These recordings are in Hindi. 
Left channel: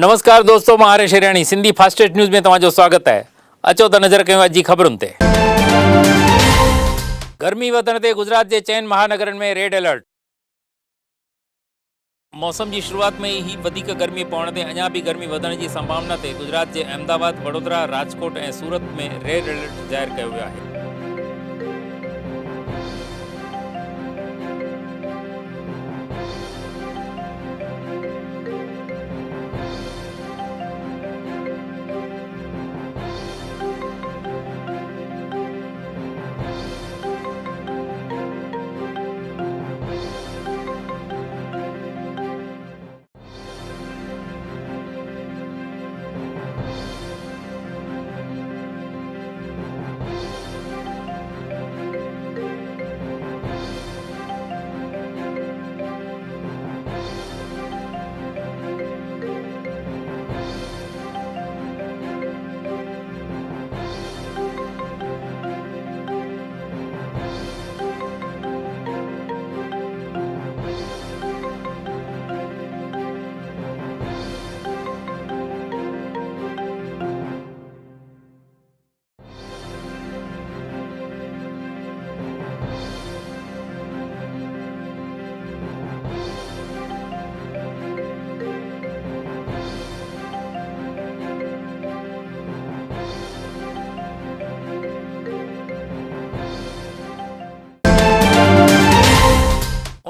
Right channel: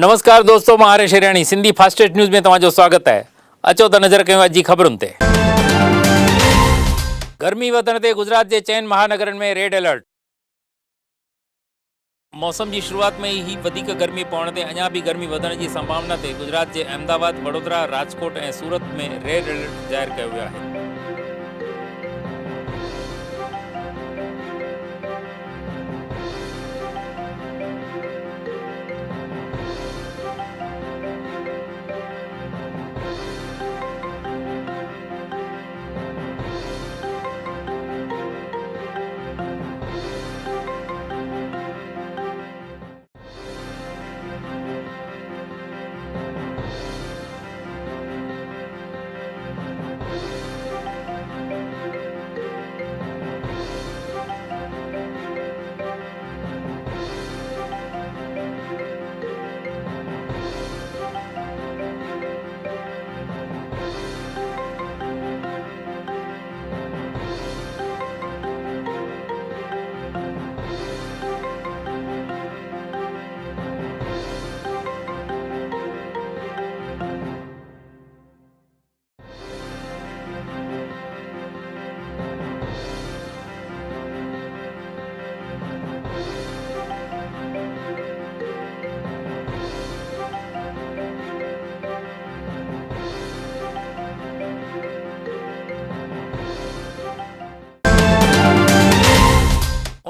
नमस्कार दोस्तों, मां हरेश हिराणी सिंधी फास्टेस्ट न्यूज़ में तव्हांजो स्वागत है। अचो त नज़र कयूं अॼु जी ख़बरुनि ते। गर्मी वधण ते गुजरात जे चइनि महानगरनि में रेड अलर्ट। मौसम की शुरुआत में ही वधीक गर्मी पवण ते अञा भी गर्मी वधण की संभावना ते गुजरात के अहमदाबाद, वडोदरा, राजकोट और सूरत में रेड अलर्ट जाहिर किया वियो आहे।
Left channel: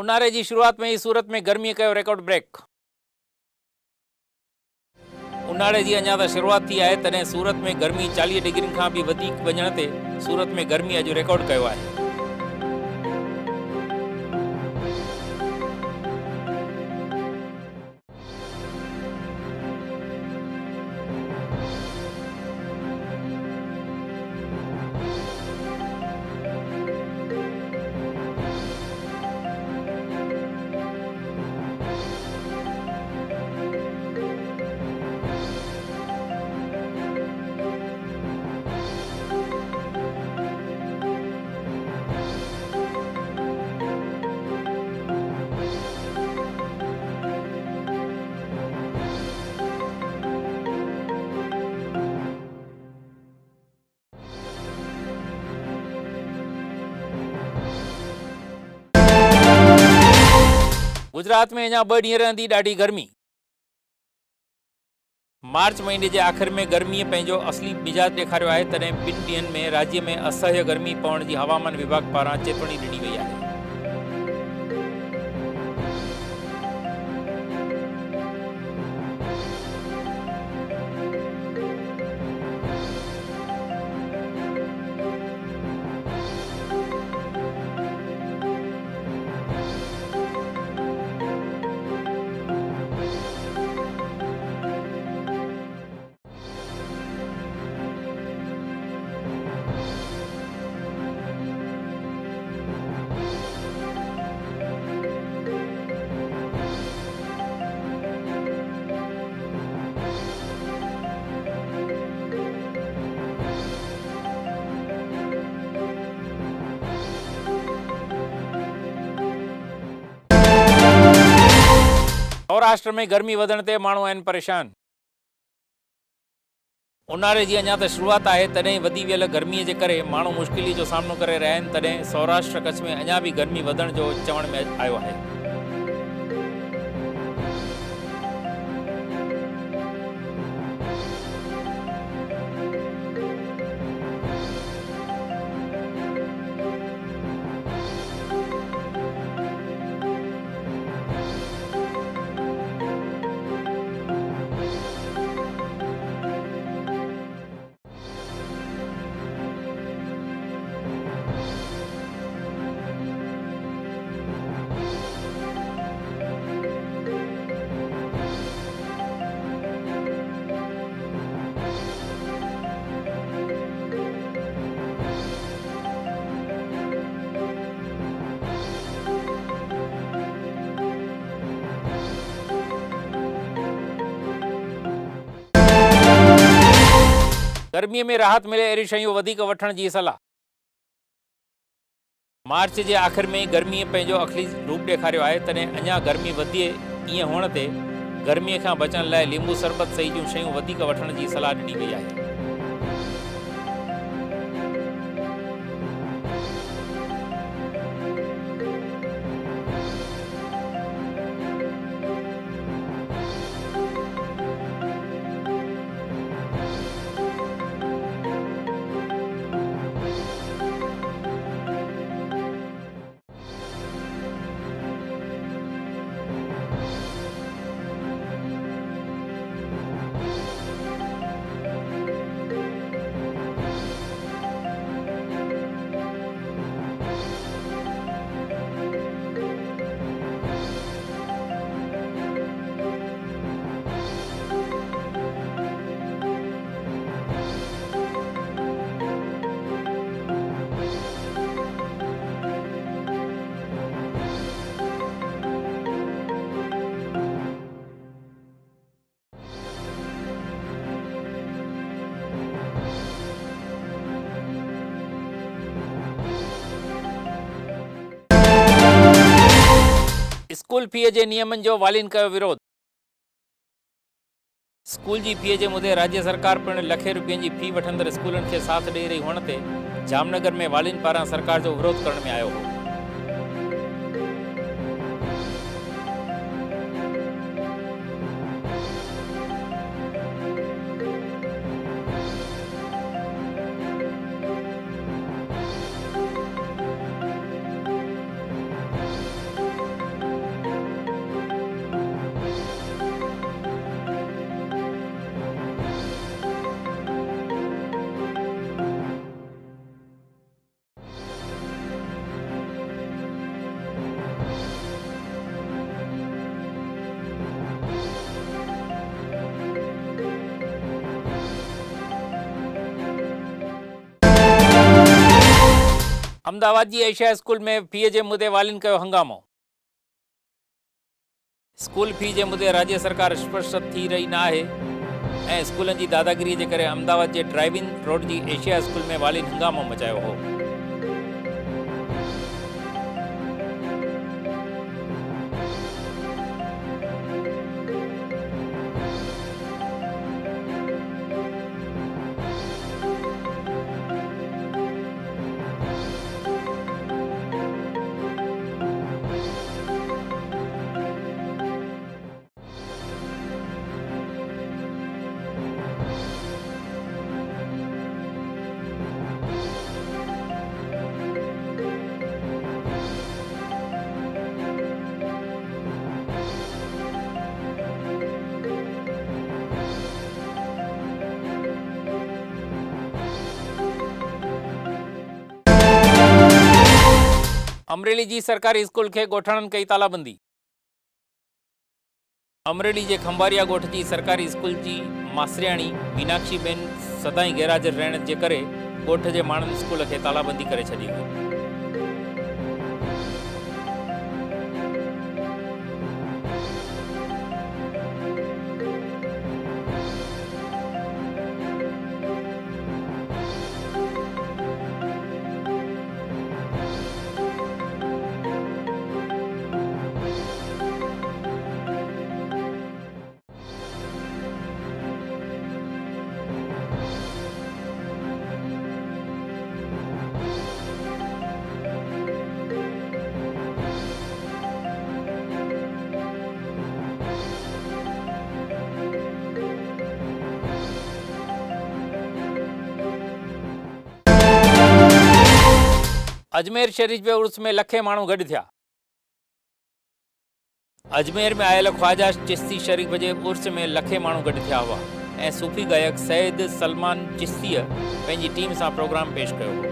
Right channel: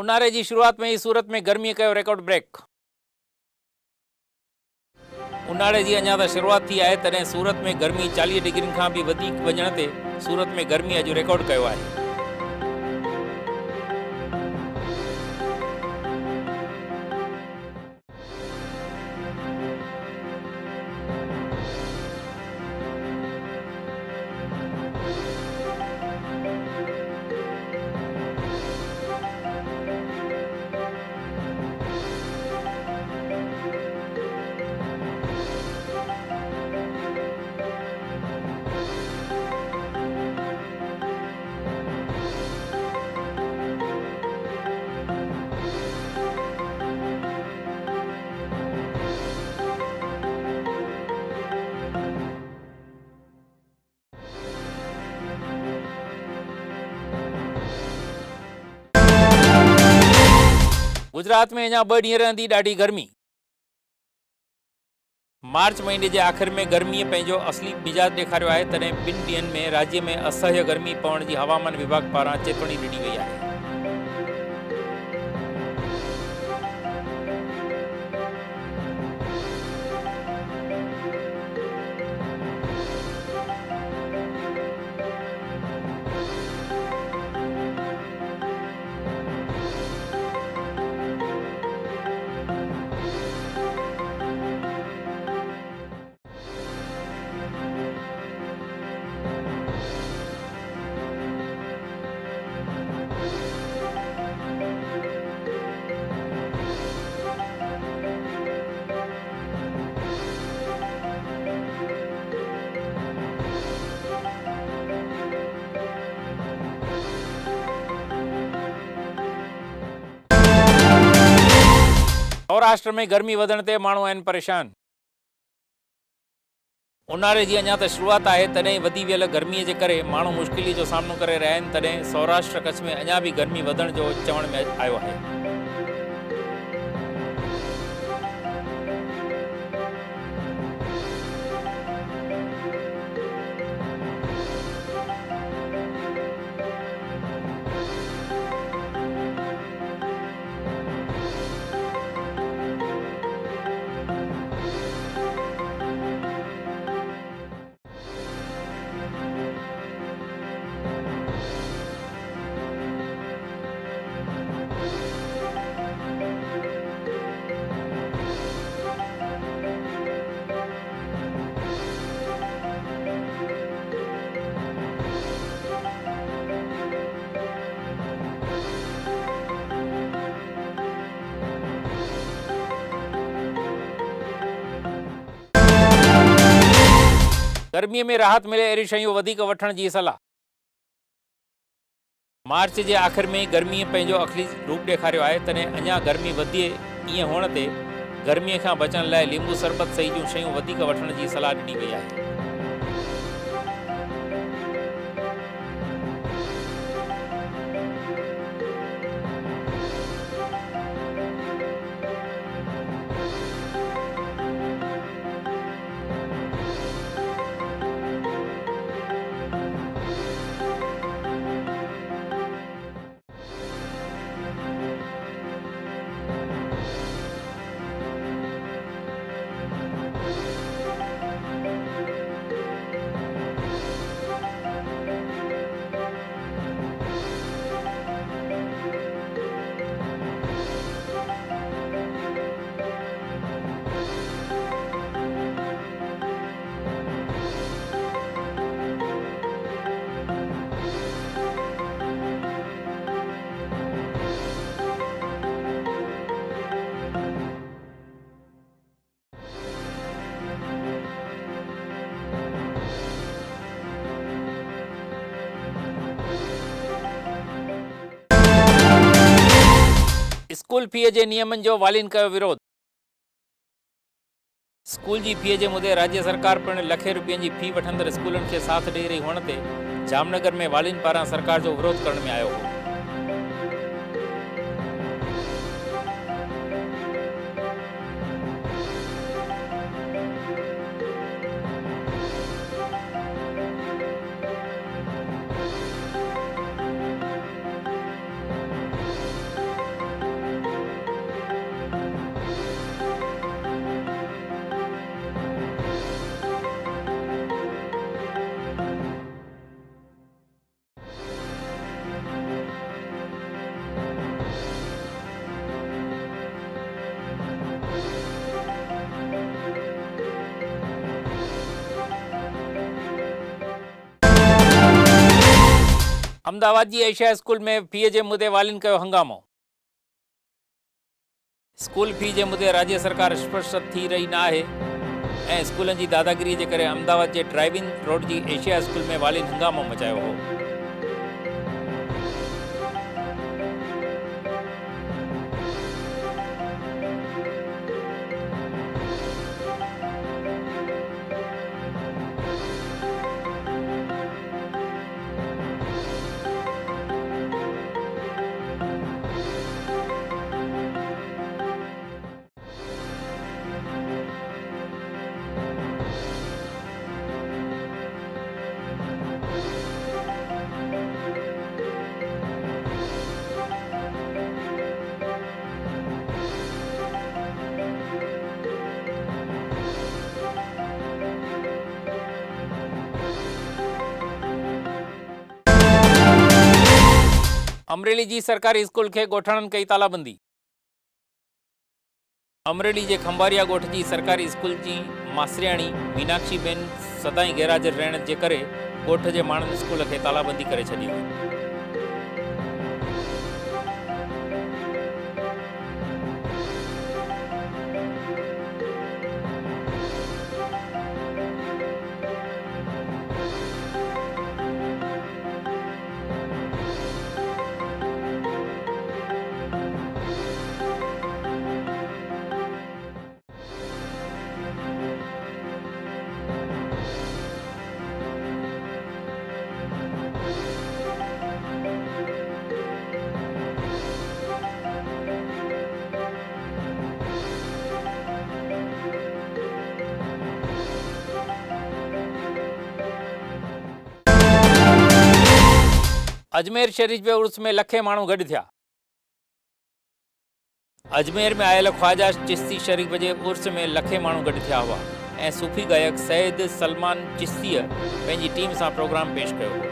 उन्हारे की शुरुआत में ही सूरत में गर्मी कयो रिकॉर्ड ब्रेक। उन्हारे की अञा त शुरुआत थी है, तॾहिं सूरत में गर्मी 40 डिग्री खां भी वधीक वञण ते सूरत में गर्मी अॼु रिकॉर्ड कयो आहे। गुजरात में अञा 2 ॾींहं रहंदी ॾाढी गर्मी। मार्च महीने के आखिर में गर्मी पंहिंजो असली मिजाज ॾेखारियो आहे, तॾहिं 2 ॾींहंनि में राज्य में असह्य गर्मी पवण की हवामान विभाग पारां चेतवणी ॾिनी वई आहे। सौराष्ट्र में गर्मी वधण ते माण्हू आहिनि परेशान। उन्हारे जी अञा त शुरुआत आहे, तॾहिं वधी वियल गर्मीअ जे करे माण्हू मुश्किली जो सामनो करे रहिया आहिनि। तॾहिं सौराष्ट्र कच्छ में अञा भी गर्मी वधण जो चवण में आयो आहे। गर्मी में राहत मिले अहिड़ी शयूं वधीक वठण जी सलाह। मार्च के आखिर में गर्मी पंहिंजो असली रूप ॾेखारियो आहे, तॾहिं अञा गर्मी वधे ईअं हुअण ते गर्मीअ खां बचण लाइ लींबू शरबत सही जूं शयूं वधीक वठण जी सलाह ॾिनी वई आहे। स्कूल फीअ जे नियमनि जो वालिनि कयो विरोध। स्कूल जी फीअ जे मुदे राज्य सरकार पिणु लखे रुपयनि जी फी वठंदड़ स्कूलनि खे साथ ॾेई रही हुअण ते जामनगर में वालिनि पारां सरकार जो विरोध करण में आयो हो। अहमदाबाद जी एशिया स्कूल में फी जे मुदे वालिनि कयो हंगामो। स्कूल फी जे मुदे राज्य सरकार स्पष्ट थी रही न आहे ऐं स्कूलनि जी दादागिरी जे करे अहमदाबाद जे ड्राइविंग रोड जी एशिया स्कूल में वालिनि हंगामो मचायो हो। अमरेली जी सरकारी स्कूल के गोठणनि कई तालाबंदी। अमरेली के खंबारिया गोठ की सरकारी स्कूल की मास्टरियाणी मीनाक्षी बेन सदाई गैरहाज़िर रहण के करे गोठ के माण्हुनि स्कूल के तालाबंदी करे छॾी हुई। अजमेर शरीफ के उर्स में लखे माण्हू गॾु थिया। अजमेर में आयल ख्वाजा चिश्ती शरीफ के उर्स में लखे माण्हू गॾु थिया हुआ ऐं सूफ़ी गायक सैयद सलमान चिश्तीअ पंहिंजी टीम सां प्रोग्राम पेश कयो हो।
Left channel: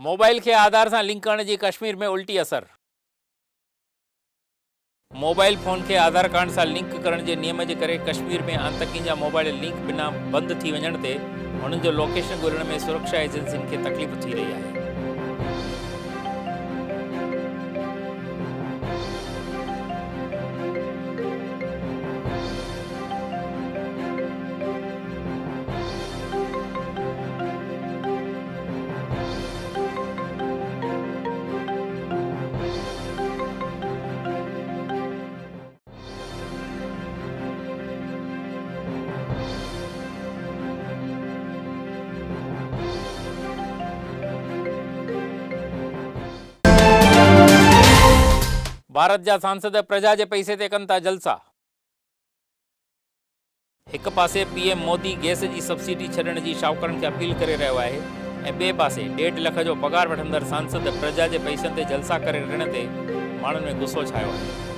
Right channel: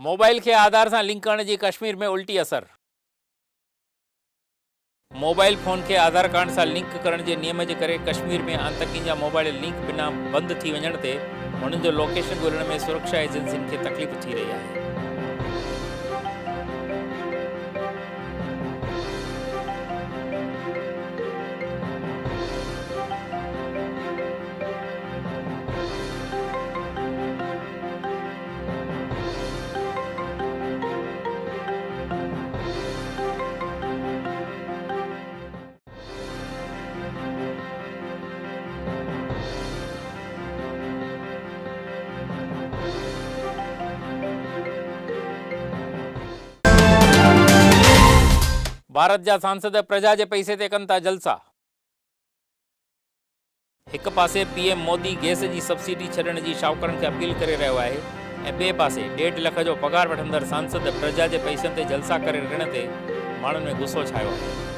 मोबाइल के आधार से लिंक करने की कश्मीर में उल्टी असर। मोबाइल फ़ोन खे आधार कार्ड सां लिंक करण जे नियम जे करे कश्मीर में आतंकियुनि जा मोबाइल लिंक बिना बंदि थी वञण ते हुननि जो लोकेशन ॻोल्हण में सुरक्षा एजेंसियुनि खे तकलीफ़ थी रही आहे। भारत जा सांसद प्रजा जे पैसे ते कनि था जलसा। एक पासे पीएम मोदी गैस जी सब्सिडी छॾण जी शाहूकारनि खे अपील करे रहियो आहे ऐं ॿिए पासे 1.5 लख जो पगार वठंदड़ सांसद प्रजा जे पैसनि ते जलसा करे रहण ते माण्हुनि में गुस्सो छायो आहे।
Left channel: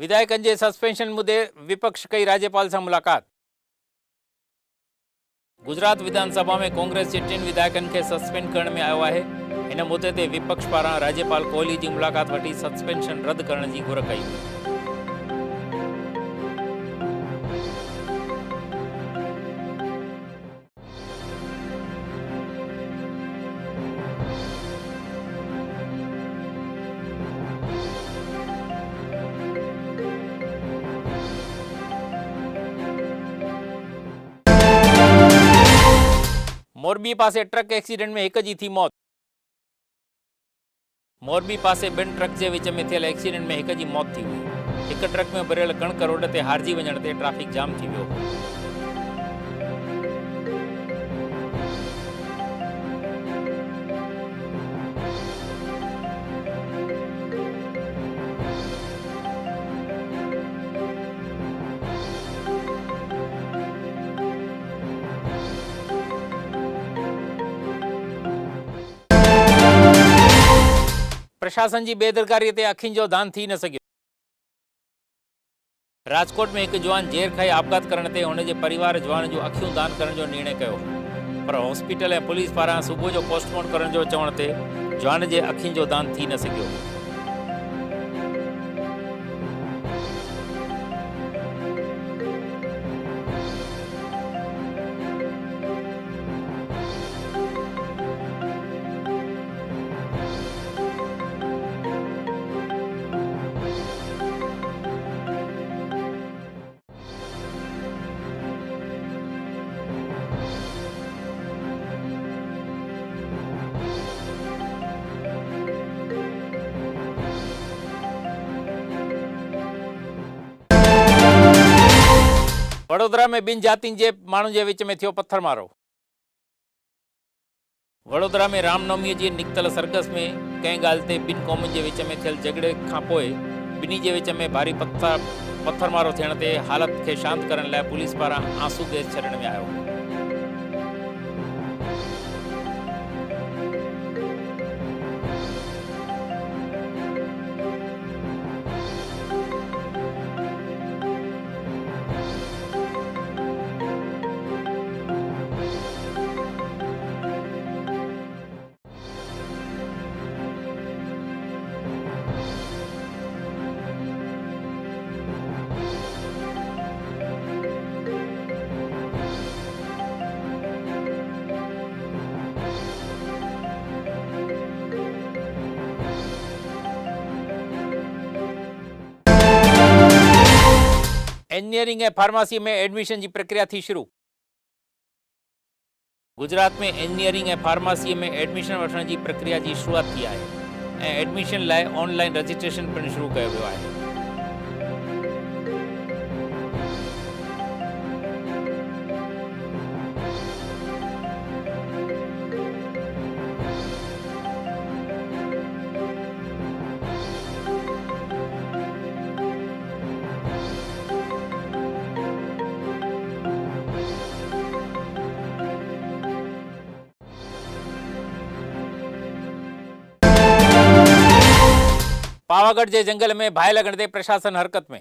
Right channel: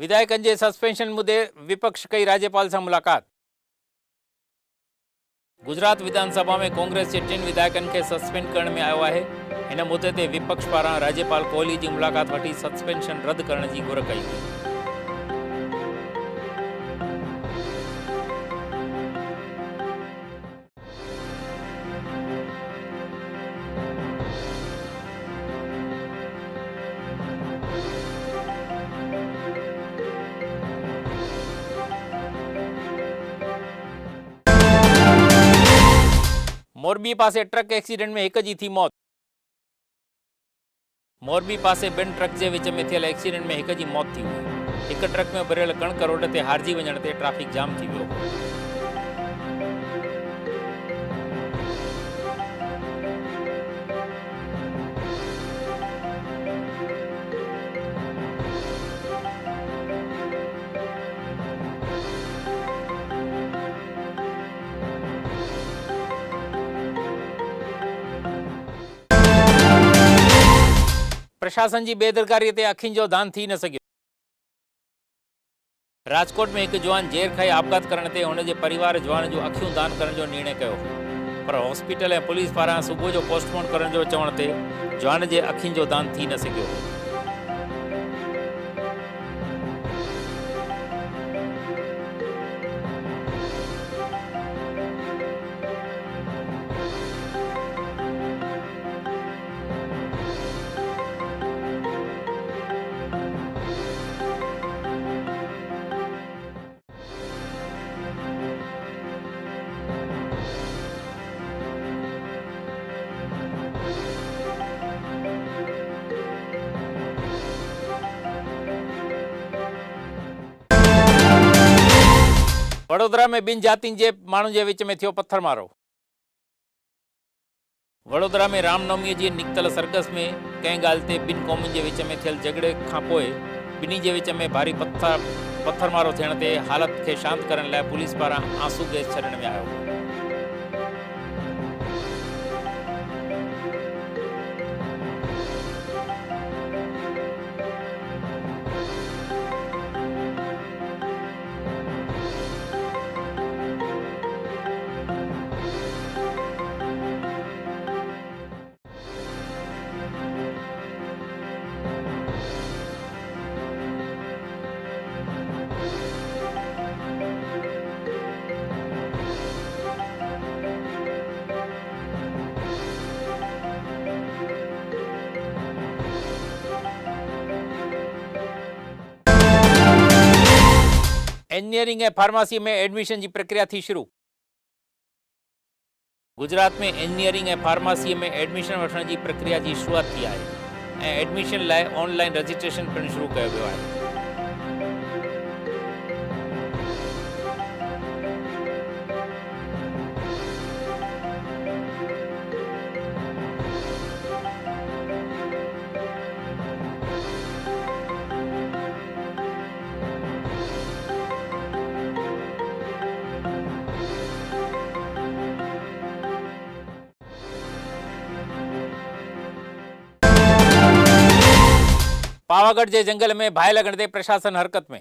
विधायकनि जे सस्पेंशन मुद्दे विपक्ष कई राज्यपाल सां मुलाकात। गुजरात विधानसभा में कांग्रेस जे 3 विधायकनि खे सस्पेंड करण में आयो आहे। हिन मुद्दे ते विपक्ष पारां राज्यपाल कोहली जी मुलाकात वठी सस्पेंशन रद्द करण जी घुर कई हुई। मोरबी पासे ट्रक एक्सीडेंट में 1 जी थी मौत। मोरबी पासे 2 ट्रक जे विच में थियल एक्सीडेंट में 1 जी मौत थी हुई। 1 ट्रक में भरियल कणक रोड ते हारजी वञण ते ट्रैफिक जाम थी वियो। प्रशासन जी बेदरकारी ते अखियुनि जो दान थी न सघियो। राजकोट में एक जवान ज़ेर खाई आपघात करण ते हुन जे परिवार जवान जो अखियूं दान करण जो निर्णय कयो, पर हॉस्पिटल ऐं पुलिस पारां सुबुह जो पोस्टमार्टम करण जो चवण ते जवान जे अखियुनि जो दान थी न सघियो। वडोदरा में 2 जातियुनि जे माण्हुनि जे विच में थियो पत्थरमारो। वडोदरा में रामनवमीअ जी निकितल सरगस में कंहिं ॻाल्हि ते 2 क़ौमुनि जे विच में थियल झगड़े खां पोइ ॿिन्ही जे विच में भारी पत्थरमारो थियण ते हालत खे शांत करण लाइ पुलिस पारां आंसू गैस छॾण में आयो। इंजीनियरिंग ऐं फार्मेसी में एडमिशन की प्रक्रिया थी शुरू। गुजरात में इंजीनियरिंग ऐं फार्मेसी में एडमिशन वठण की प्रक्रिया की शुरुआत थी है। एडमिशन लाइ ऑनलाइन रजिस्ट्रेशन पिणु शुरू किया वियो है। पावागढ़ जे जंगल में भाई लगण ते प्रशासन हरकत में।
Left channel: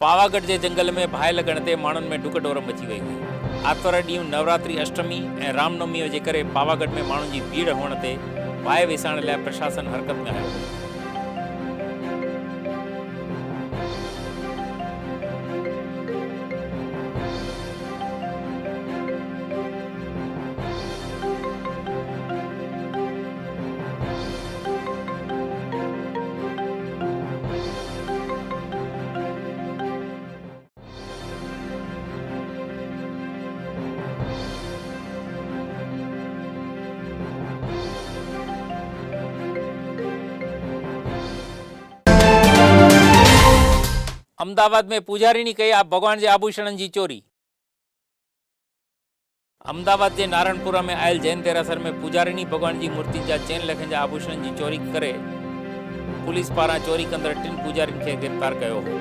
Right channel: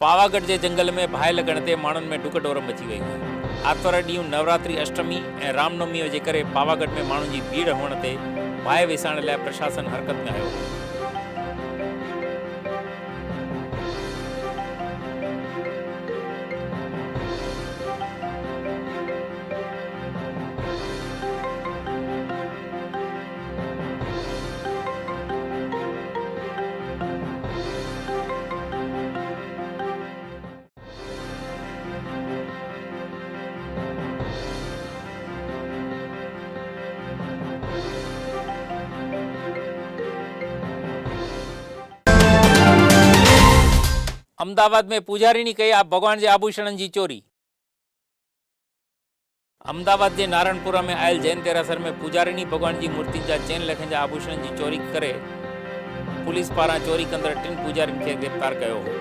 पावागढ़ जे जंगल में भाई लगण ते माण्हुनि में डुकडोर मची वई हुई। आतवार ॾींहुं नवरात्रि अष्टमी ऐं रामनवमी जे करे पावागढ़ में माण्हुनि जी भीड़ हुअण ते भाई विसाइण लाइ प्रशासन हरकत में आयो हो। अमदावाद में पुजारीनी कई आप भगवान जे आभूषणनि जी चोरी। अमदावाद जे नारायणपुरा में आयल जैन देरासर में पुजारीनी भगवान जी मूर्ति जा चैन लखनि जा आभूषणनि जी चोरी करे पुलिस पारां चोरी कंदड़ 3 पुजारीनि खे गिरफ़्तार कयो हो।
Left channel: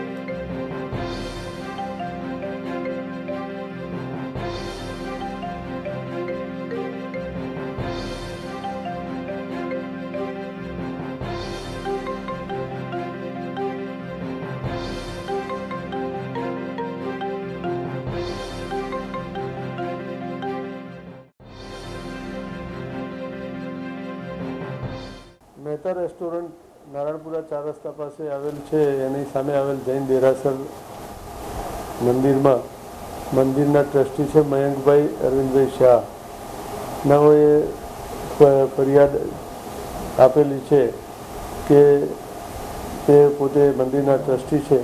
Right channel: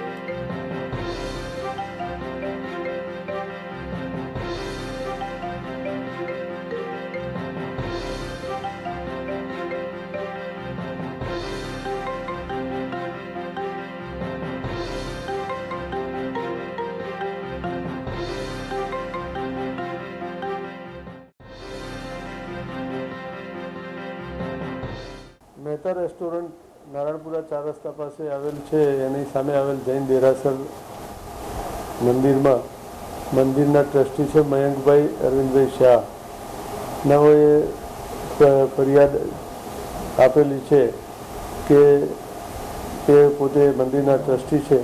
મહેતા રેસ્ટોરન્ટ નારાયણપુરા 4 રસ્તા પાસે આવેલ છે એની સામે આવેલ જૈન દેરાસર મંદિરમાં મંદિરના ટ્રસ્ટી છે મયંકભાઈ અરવિંદભાઈ શાહ નવોએ ફરિયાદ આપેલી છે કે તે પોતે મંદિરના ટ્રસ્ટી છે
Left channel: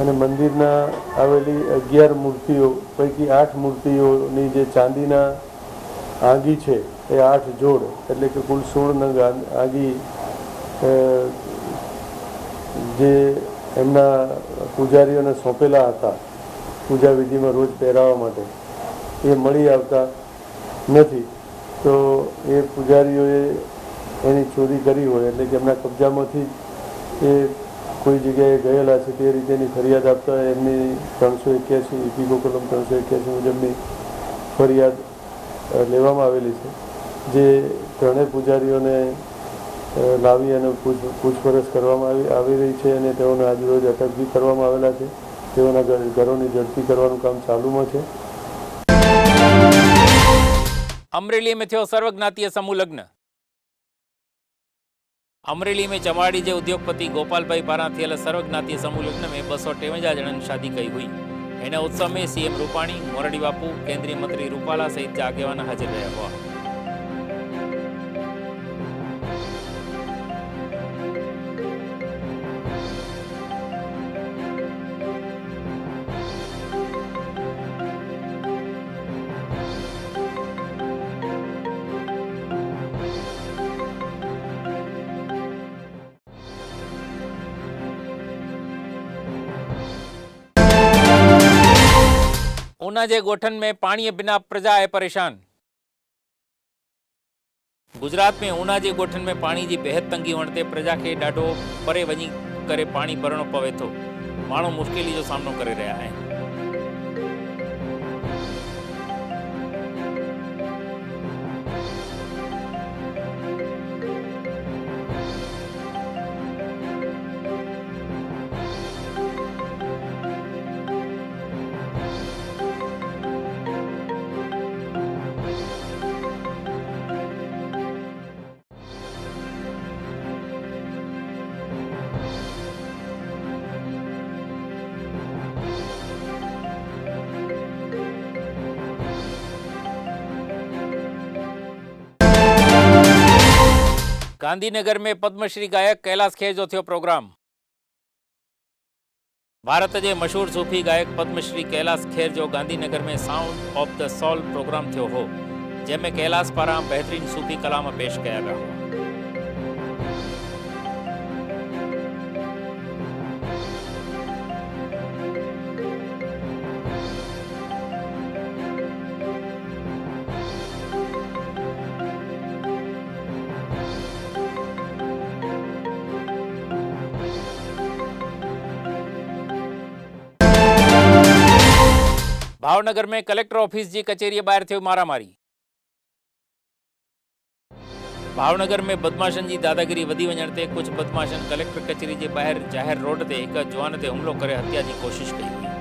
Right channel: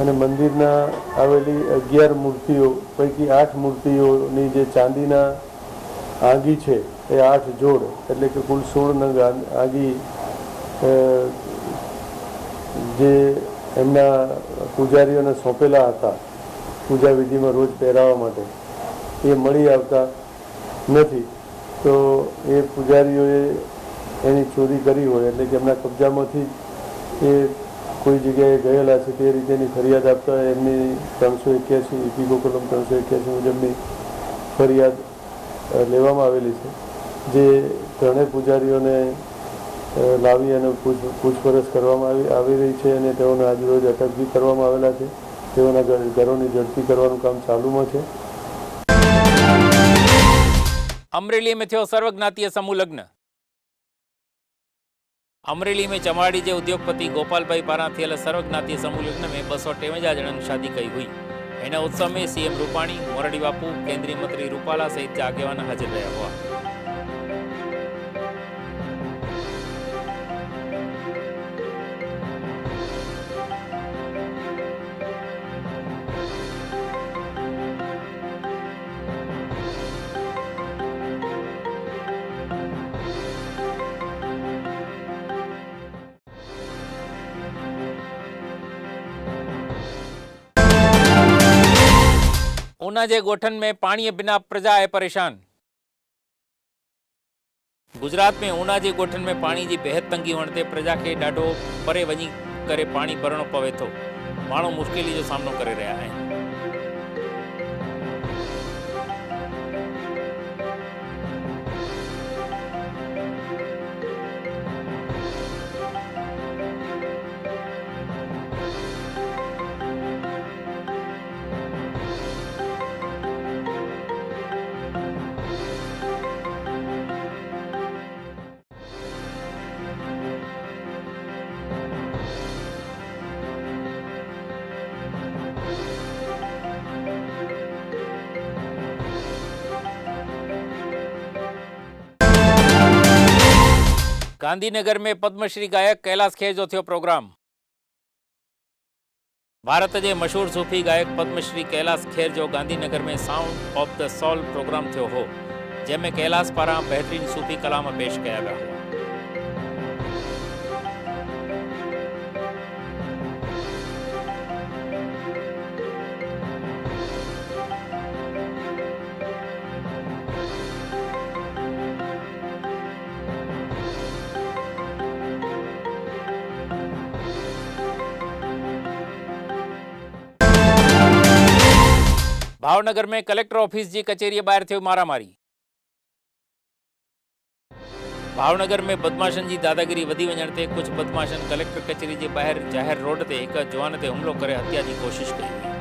અને મંદિરના આવેલી 11 મૂર્તિઓ પૈકી 8 મૂર્તિઓની જે ચાંદીના આંગી છે એ 8 જોડ એટલે કે કુલ 16 નંગ આંગી જે એમના પૂજારીઓને સોંપેલા હતા પૂજા વિધિમાં રોજ પહેરાવવા માટે એ મળી આવતા નથી તો એ પૂજારીઓએ એની ચોરી કરી હોય એટલે કે એમના કબજામાંથી એ કોઈ જગ્યાએ ગયેલા છે તે રીતેની ફરિયાદ આપતા એમની 381 ઇપીકો કલમ 381 મુજબની ફરિયાદ લેવામાં આવેલી છે જે ત્રણેય પૂજારીઓને લાવી અને પૂછપરછ કરવામાં આવી રહી છે અને તેઓને આજરોજ અટક બી કરવામાં આવેલા છે। તેઓના ઘરોની ઝડપી કરવાનું કામ ચાલુમાં છે। अमरेली में थियो सर्वज्ञातीय समूह लग्न। अमरेली में चमाड़ी जे उद्योगपति गोपाल भाई पारा थियल सर्वज्ञातीय समूह लग्न में 253 जणन शादी कई हुई। इन उत्सव में सीएम रूपाणी, मोरारी बापू, केंद्रीय मंत्री रूपाला सहित आगेवान हाजिर रहा हुआ। ऊना जे गोठन में पानी बिना प्रजा है परेशान। गुजरात में ऊना जे गोठन में पानी की बेहद तंगी होने ते प्रजा के ॾाढो परे वञी करे पानी भरणो पवे थो। माण्हू मुश्किली जो सामनो करे रहा है। गांधीनगर में पद्मश्री गायक कैलाश खेर जो थियो प्रोग्राम। भारत के मशहूर सूफी गायक पद्मश्री कैलाश खेर जो गांधीनगर में sound of the soul program थियो हो, जैमें कैलाश पारा बेहतरीन सूफी कलाम पेश किया गया हुआ। भावनगर में कलेक्टर ऑफिस की कचेरी बाहर थी मारामारी। भावनगर में बदमाशन जी दादागिरी वधी वञण ते कुछ बदमाशन कलेक्टर कचेरी के बाहर जाहिर रोड ते एक जवान ते हुमलो करे हत्या की कोशिश कई हुई।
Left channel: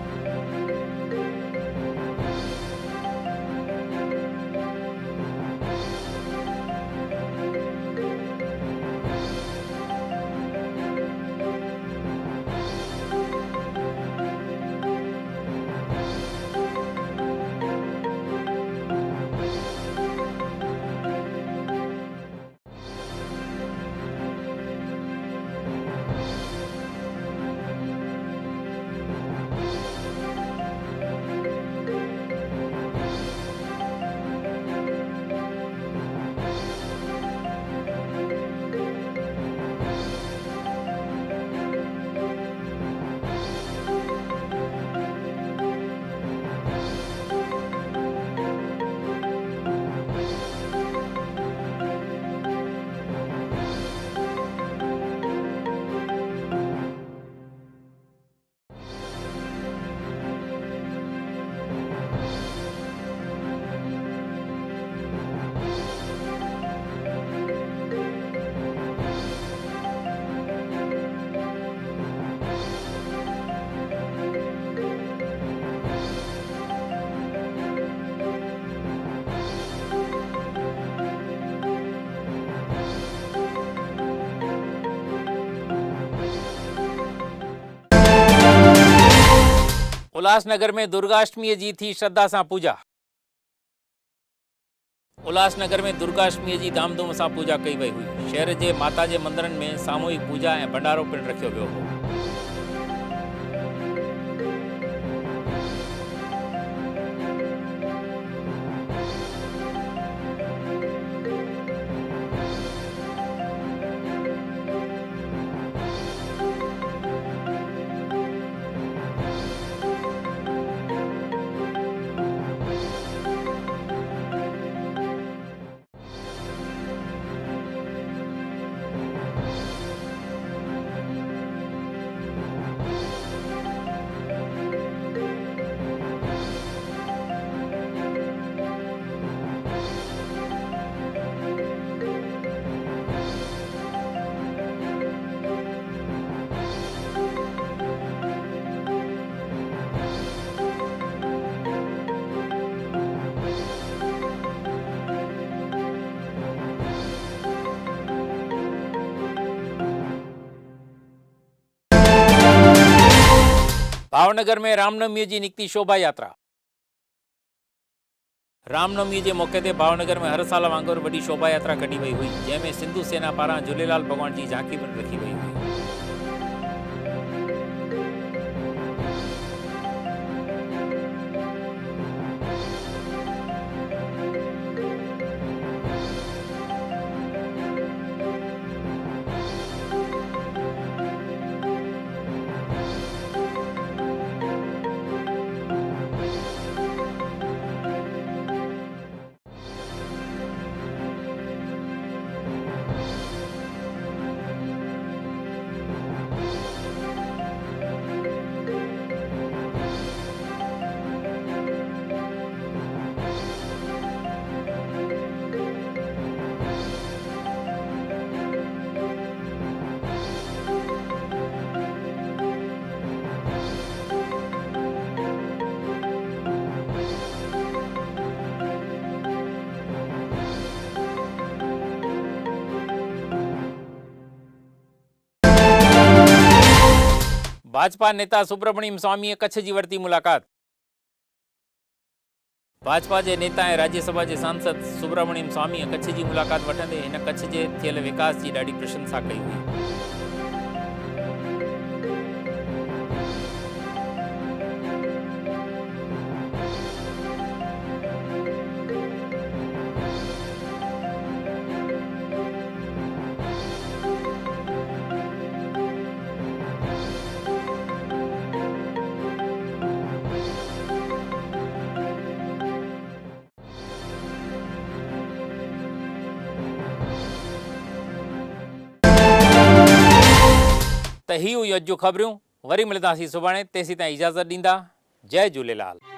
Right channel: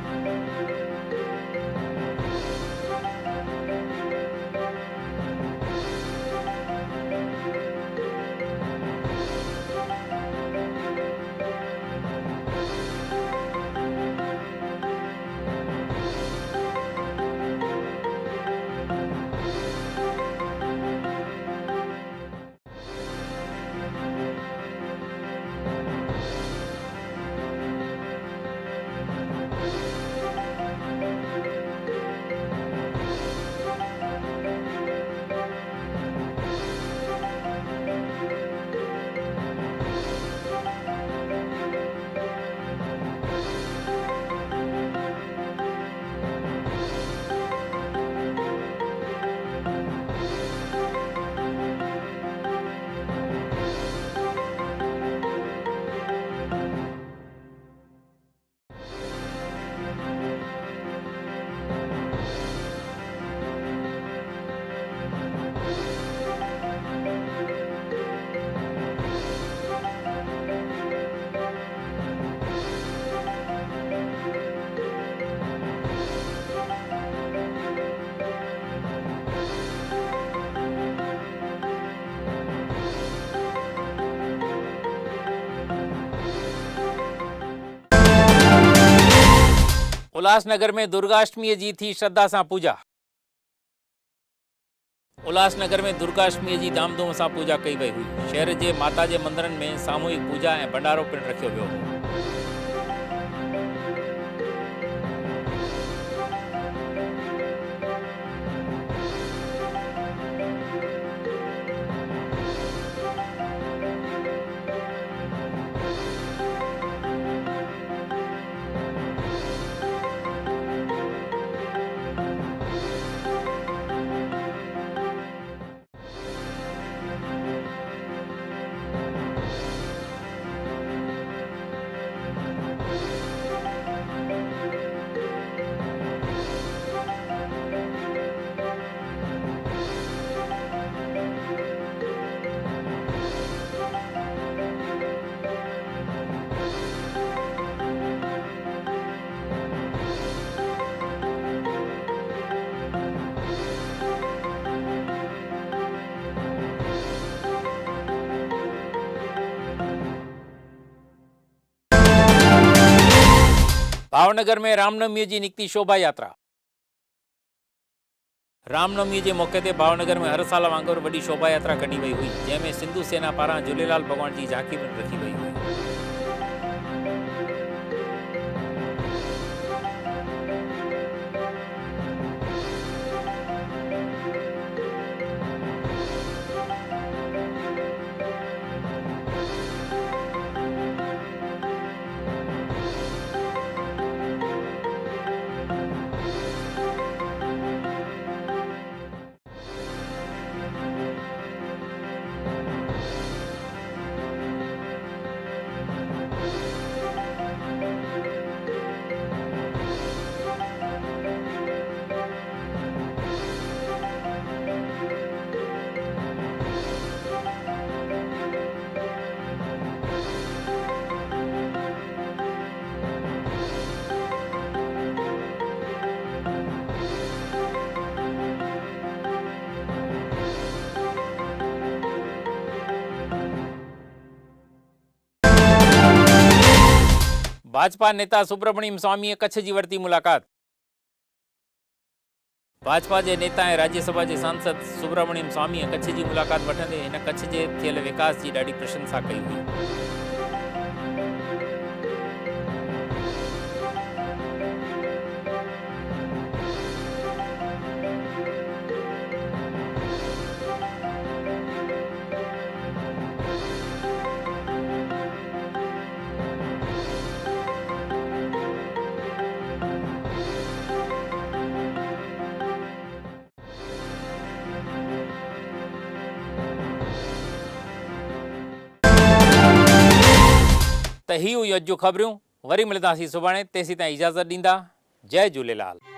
उल्लासनगर में दुर्गाष्टमी जी थी श्रद्धा सां पूजा। उल्लासनगर में दुर्गाष्टमी जी धामधूम सां पूजा कई वई हुई। शहर के माता के मंदिरन में सामूहिक पूजा और भंडारो पिण रखियो वियो हो। भावनगर में रामनवमी की निकती शोभा यात्रा। रामनवमी के मौके ते भावनगर में हर साल वांगुर वडी शोभा यात्रा कढी वही हुई, जैमें सिंधु सेना पारां झूलेलाल भगवान की झांकी पिण रखी वही हुई। भाजपा नेता सुब्रमण्यम स्वामी कच्छ की वरती मुलाकात। भाजपा के नेता ऐं राज्यसभा के सांसद सुब्रमण्यम स्वामी कच्छ की मुलाकात वठंदे इन कच्छ के थियल विकास की ॾाढी प्रशंसा कई हुई। त ही हुई अॼु जूं ख़बरूं। वरी मिलंदासीं सुभाणे, तेसीं ताईं इजाज़त ॾींदा। जय झूलेलाल।